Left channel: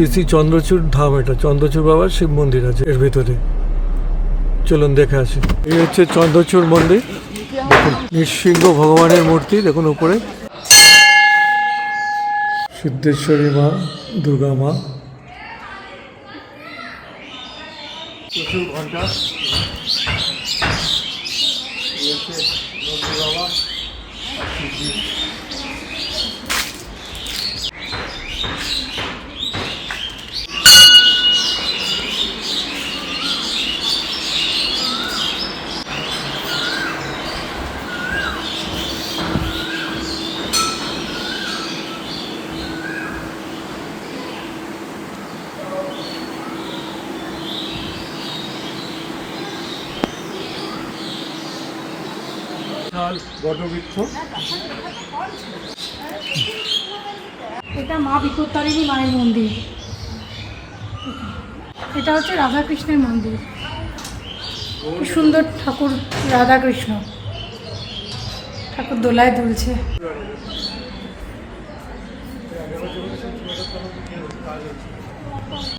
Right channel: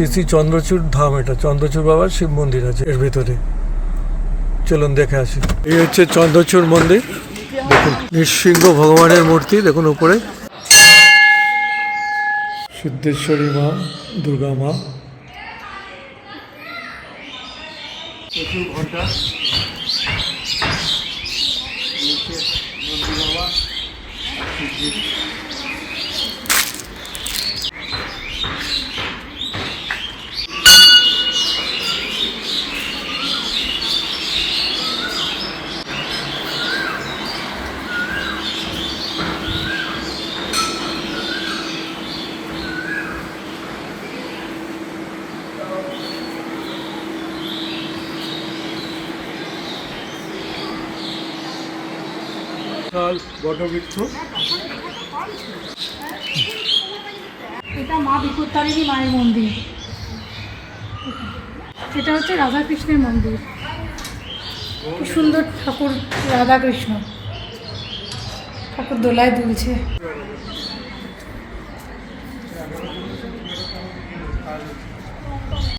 শ্রী শ্রী চন্দ্রচূড় ধাম, এটা চন্দ্রচূড় বাবার শিব মন্দির আছে এর ভেতরে। চলুন দেখে আসি। এই হচ্ছে চন্দ্রচূড় মন্দির। দেখুন নৃসিংহ ভগবানের মূর্তি, দেখুন উপরে সিদ্ধেশ্বরী মা, দুর্গা মা, প্রচুর ঘন্টা, বাবা বটবৃক্ষ। এটা মা বিপত্তারিণী মায়ের মন্দির। এটা হচ্ছে রাধাকৃষ্ণের মন্দির। কি সুন্দর ঠাকুর, রাধাকৃষ্ণ ঠাকুর দোলায় দুলছে।